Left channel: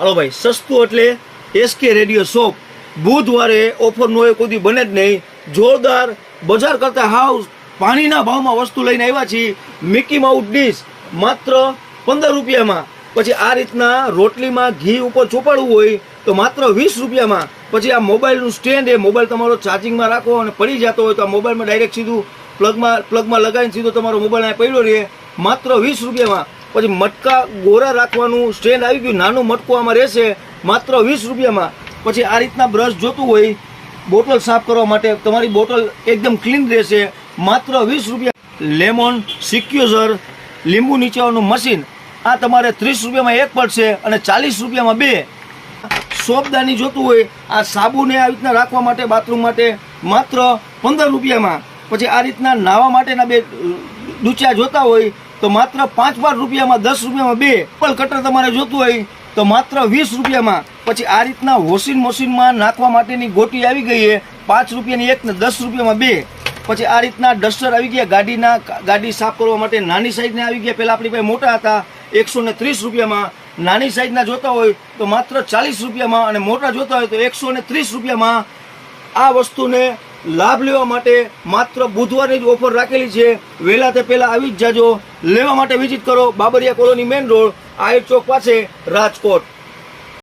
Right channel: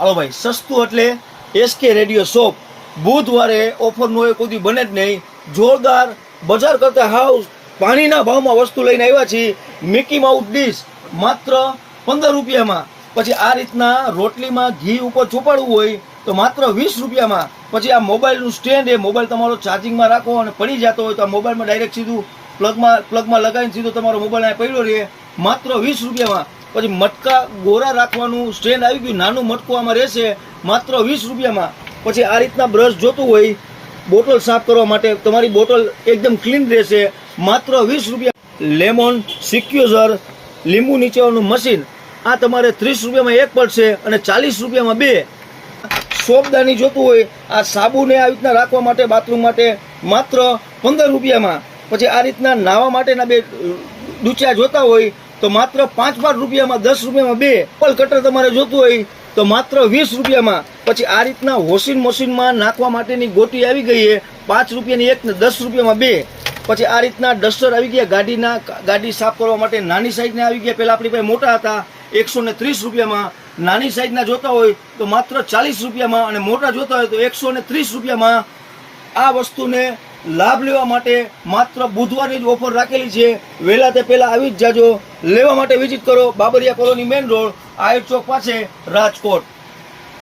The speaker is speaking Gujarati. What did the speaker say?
હાલો ભાઈ, સસ્તું એટલે એસકે રેડિયો શોપ. બુધવારે ઓફરનું એ કોઈ બને જ નહીં. જોરદાર બજાર કરતા હાવ પાણીના ભાવમાં વસ્તુ લઈને આવ્યા છીએ. મિકી માઉટ ડીશ માત્ર પંદર રૂપિયામાં. પછી આ રીતના રોટલીમાં ઘી ઉપર ચોપાડવું હોય તો માત્ર વીસ રૂપિયામાં. પછી આ મોબાઈલનું સ્ટેન્ડ એ મોબાઈલ તમારો ચાર્જિંગમાં રાખો અને પડી જતો હોય તો આ મોબાઈલમાં ડાયરેક્ટ સીધું પ્લગમાં પ્લગમાં લગાવીને સીધો તમારો મોબાઈલ અહીંયા પડ્યો રહે. માત્ર વીસ રૂપિયામાં. પછી મટકા ગોરા રાખવાનું, સ્ટેન્ડ આવી ગયું, નાનું મટકું આમાં રહેશે, માત્ર વીસ રૂપિયામાં. પછી આ રીતના બ્રશ જોતું હોય, બોટલ સાફ કરવા માટે તમારી બોટલ એકદમ ક્લીન રહેશે, માત્ર વીસ રૂપિયા. લેમન, સિક્યુઝર, લીંબુ નીચેવાનું મશીન, આ તમારે ત્રીસ રૂપિયામાં એક પડશે અને ચાલીસ રૂપિયામાં બે. સોપદાની જોતું હોય, આ સાબુને આવી રીતના રાખવા માટે, બાથરૂમ માટે માત્ર પંદર રૂપિયામાં. પછી આ રીતના નાહવા માટેના બે ડૂચા જોતા હોય તો માત્ર પાંચ પાંચ રૂપિયામાં દસ રૂપિયામાં બે પલ કટર તમારે જોતું હોય તો માત્ર વીસ રૂપિયામાં. પછી આ રીતના વોશિંગ મશીનમાં નાખવા માટેની ગોટી આવી ગઈ છે. પાંચ રૂપિયાની એક ને દસ રૂપિયામાં બે. પછી આ રીતના ડસ્ટર આવી ગયા ગાડીના, ગાડી સાફ કરવા માટે નાની સાઈઝના આવી ગયા. પહેલાં આપણી પાસે મોટા હતા, એકસો ને ત્રીસ રૂપિયામાં. નાની સાઈઝના જોતા હોય તો માત્ર ચાલીસ રૂપિયામાં અને મોટા જોતા હોય તો એકસો ને ત્રીસ રૂપિયામાં. આ વસ્તુને લાભ લેવા માટે માત્ર બુધવારની જ ઓફર રાખેલી છે. વહેલા તે પહેલા આવી જ જાજો. લેવા માટે વિઝિટ કરો Babariya colony main road, Ayur chowk પાસે, રાજકોટ.